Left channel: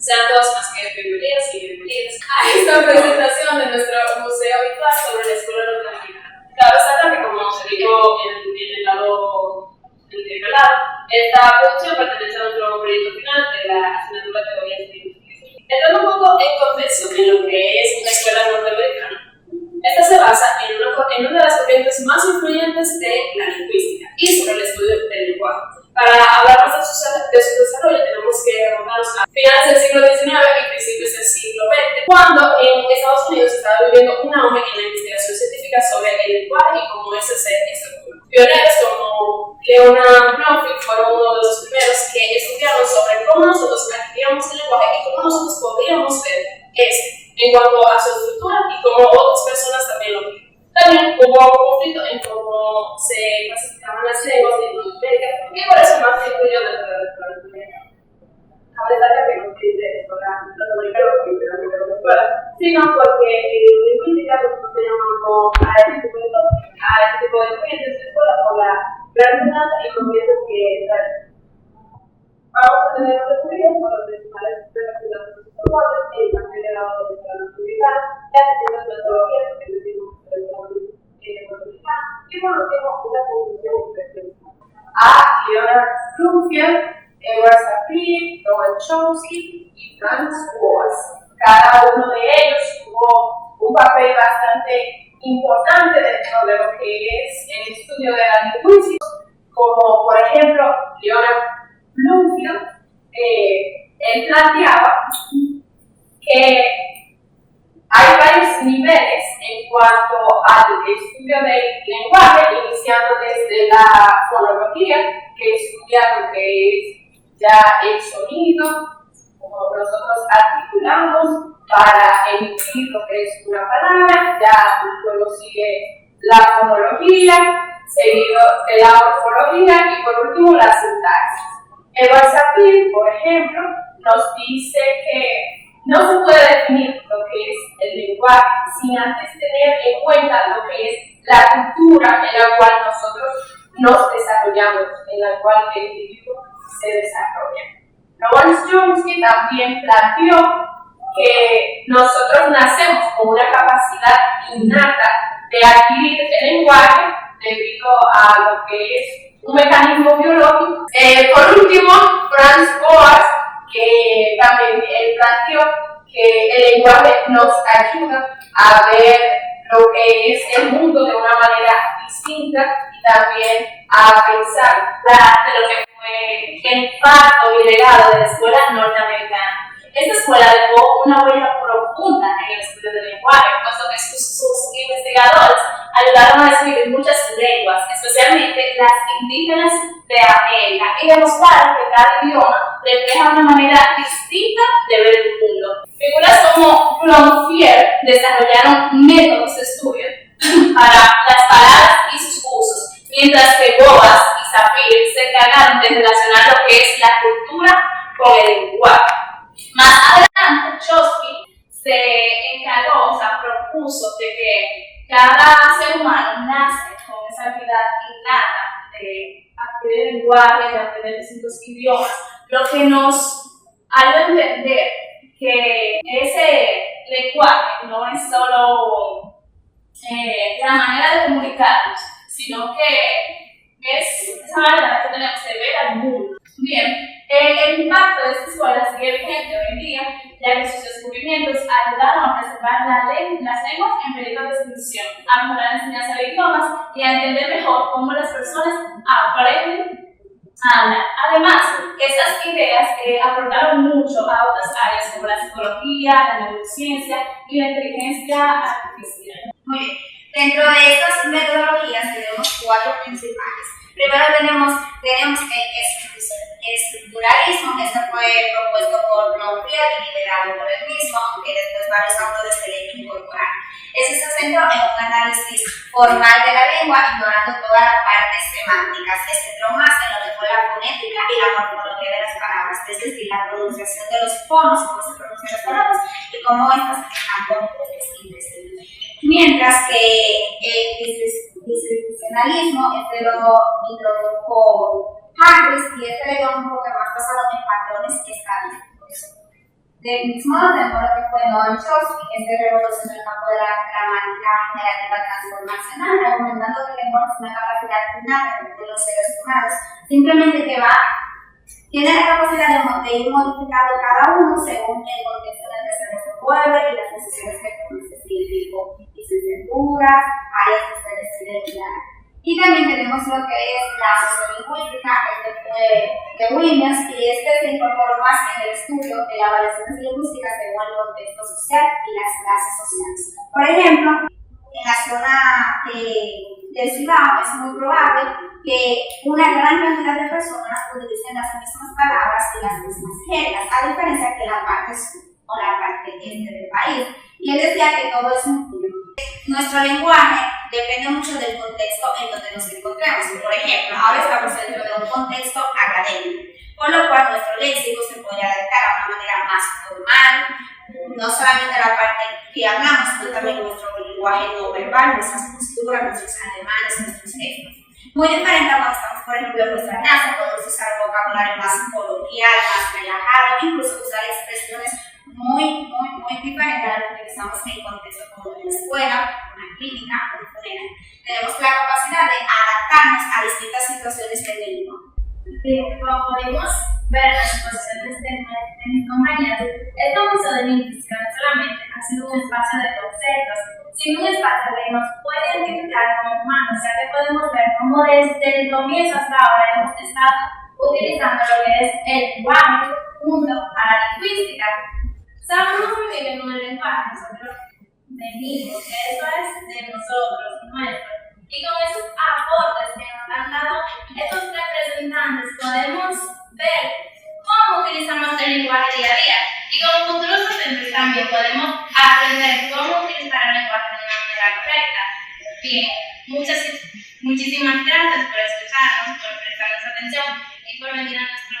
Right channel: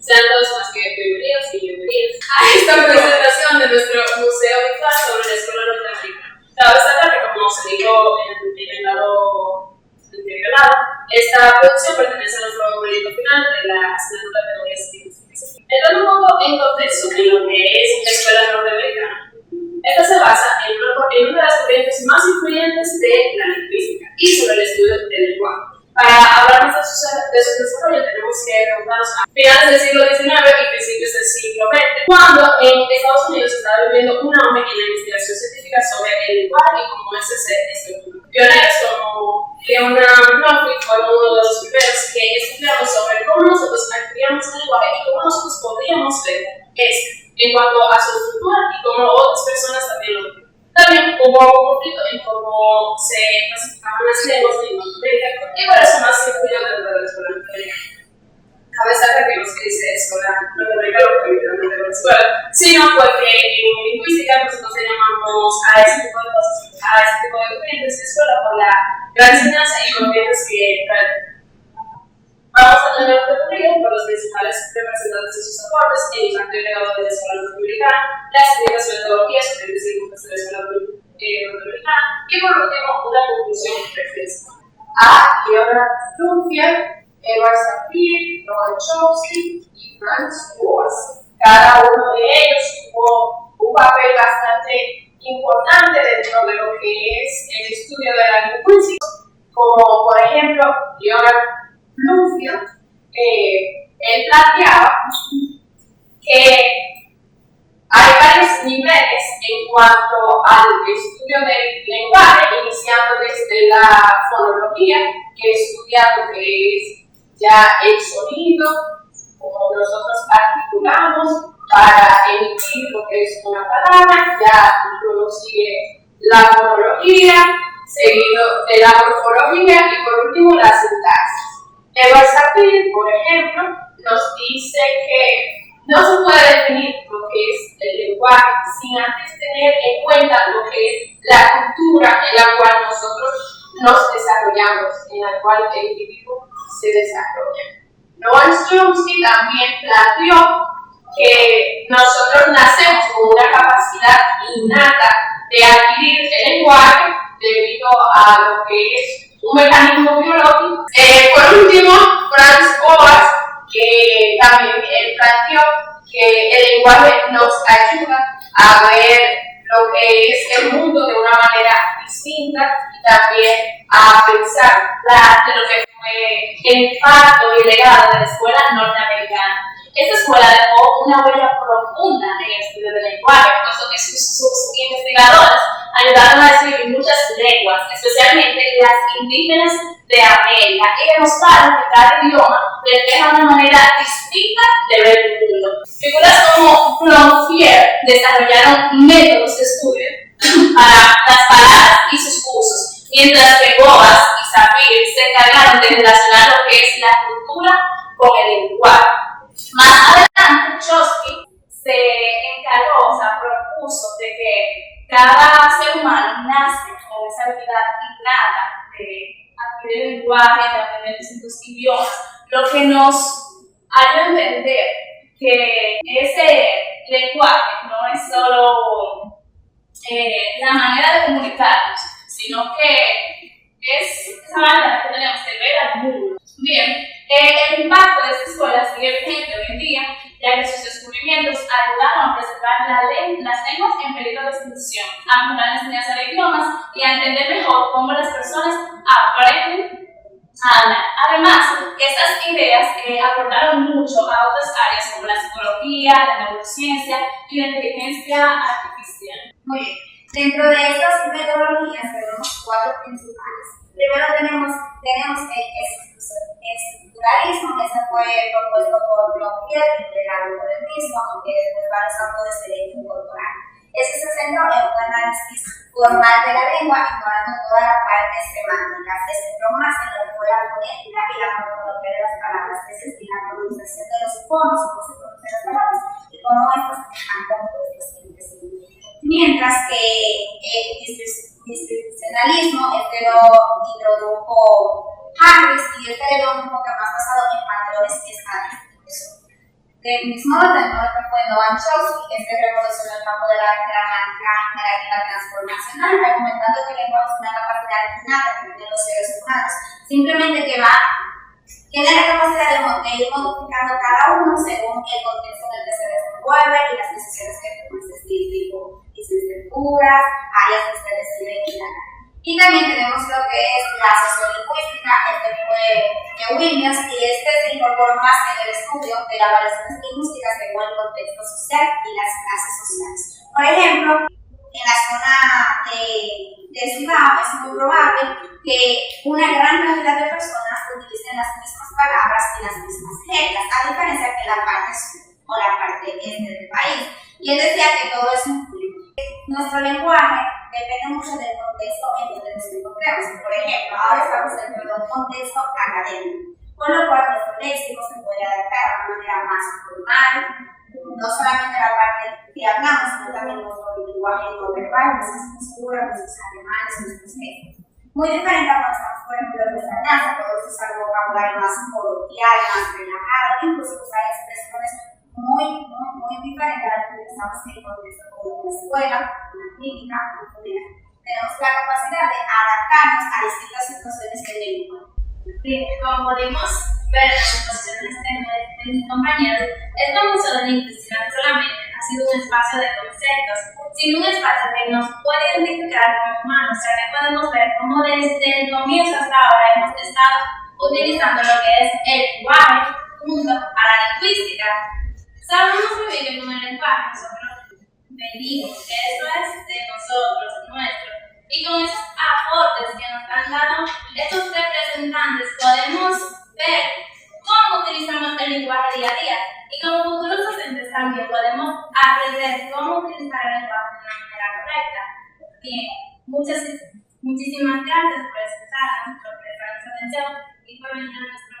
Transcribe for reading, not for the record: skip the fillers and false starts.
Sean todos más que bienvenidos y bienvenidas a esta presentación de nuestro museo virtual sobre la escuela norteamericana. Cabe destacar que, como se dijo en el lado interpelado, esta producción pertenece a nuestro proyecto final de la asignatura de teorías lingüísticas. Entrando un poco en contexto en lo que es la escuela norteamericana, esta se basa en una de las corrientes más influyentes de la lingüística y sobre el estudio del lenguaje. Para hablar de su desarrollo tenemos que remontarnos a finales del siglo XIX y principios del siglo XX, cuando en Estados Unidos se estaba viviendo un auge en la investigación científica sobre el lenguaje y cómo ese se estructura. Pioneros como Leonard Bloomfield fueron uno de los primeros que estudiaron sobre cómo nosotros adquiríamos el lenguaje y cómo nosotros podríamos ver en cuanto a su estructura y cómo otras personas también lo ven. También hubo un conflicto en cómo se clasificaban las lenguas de Norteamérica y por eso más se incluyó dentro de la escuela norteamericana. Cabe destacar que no se dice escuela norteamericana porque literalmente es una escuela, sino porque en lingüística nosotros le llamamos a ese tipo de cosas, a ese tipo de corrientes de escuela por la gran enseñanza y corrientes que traen. Vamos a tener un recorrido por los principales representantes de sus aportes, el impacto y legado de la escuela norteamericana, las distintas metodologías que decimos de la escuela norteamericana y por último una conclusión reflexiva. A Leonard Bloomfield, Edward Sapir, Noam Chomsky y Franz Boas. Cada uno de ellos tuvo un papel bastante importante dentro de lo que es el estudio de la lingüística, como por ejemplo Leonard Bloomfield, él planteaba que hay varios niveles en cuanto al estudio del lenguaje, iniciando desde la fonología, que estudia lo que es ya el sonido, como nosotros articulamos para emitir lo que es una palabra, ya luego sigue la fonología, seguido de la morfología y por último la sintaxis. Edward Sapir, por ejemplo, nos dice que no se puede definir lo que es el lenguaje sin antes tener en cuenta lo que es la cultura en la cual nosotros nos desarrollamos, en la cual el individuo se desarrolla. Noam Chomsky también planteó que nosotros nacemos con una capacidad innata de adquirir el lenguaje debido a lo que es un mecanismo biológico. Por último, Franz Boas, que también él planteó que el lenguaje nos ayuda a ver lo que es el mundo de una manera distinta y también a pensar de lo que fue el impacto y el legado de la escuela norteamericana. Esta escuela dejó una huella profunda en el estudio del lenguaje, puesto que sus investigadores ayudaron a describir muchas lenguas, especialmente las indígenas de América, y demostraron que cada idioma refleja una manera distinta de ver el mundo. Figuras como Bloomfield desarrollaron métodos de estudio para las palabras y sus usos, mientras que Boas y Sapir se encargaron de relacionar lo que es la cultura con el lenguaje. Más adelante, Chomsky se encargó, propuso de que cada ser humano nace con esa habilidad innata de adquirir el lenguaje, de aprender distintos idiomas, lo que nos ayuda a entender que ese lenguaje no es solo la manera de comunicarnos, sino que es esa manera que tenemos de ver al mundo. Bien, el impacto de esta escuela sigue vigente hoy en día, ya que sus descubrimientos ayudaron a preservar las lenguas en peligro de extinción, a mejorar la enseñanza de idiomas y a entender mejor cómo las personas aprenden a hablar. Además, estas ideas aportaron mucho a otras áreas como la psicología, la neurociencia y la inteligencia artificial. Muy bien. Dentro de estas metodologías tenemos 4 principales. Primero tenemos el estructuralismo, que fue propuesto por Bloomfield y liderado por él mismo, aunque después varios autores se le incorporaron. Este se centró en un análisis formal de la lengua, ignorando todas las partes semánticas. Se centró más en lo que fue la fonética y la morfología de las palabras, es decir, la pronunciación de los fonos, cómo se pronuncian las palabras y cómo estas están compuestas entre sí. Mientras que el discrecionalismo lo introdujo Harris y le dio un enfoque más basado en patrones estadísticos. Del mismo modo que fue Noam Chomsky, este revolucionó el campo de la gramática negativa transformacional, argumentando que el lenguaje es una capacidad innata que tienen los seres humanos, simplemente que tiene la capacidad de ir modificando cada uno según el contexto en el que se desenvuelve y las necesidades que toma, es decir, tipo licenciaturas, áreas que se deciden guiar. Y también tenemos lo que es la sociolingüística, este fue de Williams, y este se incorporó más en el estudio de las variaciones lingüísticas según el contexto social y las clases sociales. Por ejemplo, en la zona de Ciudad es muy probable que una gran cantidad de personas utilicen las mismas palabras y las mismas jergas, a diferencia que la parte sur o la parte este del país. Y él decía que todo es un flujo. Nuestro lenguaje depende mucho del contexto en donde nos encontremos. Por ejemplo, ahora estamos dentro de un contexto académico, por lo cual nuestro léxico se puede adaptar a una manera más formal, no solamente la parte que hablamos, sino también nuestro lenguaje no verbal, nuestras posturas, nuestros ademanes, nuestros gestos. Muy diferente a cuando estamos, por ejemplo, en nuestra casa, podemos usar vocabulario más coloquial, más relajado, incluso usar expresiones muy diferentes a las que utilizamos en contextos como una escuela, una clínica, un funeral. Tenemos la capacidad de adaptarnos a distintas situaciones del lenguaje. Sí, como pudimos ver en las exposiciones de mis compañeros, esta museo de lingüística no solamente ha sido un espacio de conceptos, sino un espacio que nos puede identificar como humanos, ya que podemos ver cómo desde el comienzo hasta ahora hemos estado utilizando lo que es el lenguaje junto a la lingüística. Sabemos vivir con el lenguaje, nosotros venimos, que eso es de nosotros, nuestro. Y con esos aportes que nos han dado estos representantes, podemos ver cómo utilizamos el lenguaje día a día. Y como futuros docentes también podemos aprender cómo utilizar el lenguaje de una manera correcta. Bien, muchísimas gracias por escucharnos, por prestarnos atención y por venir a nuestro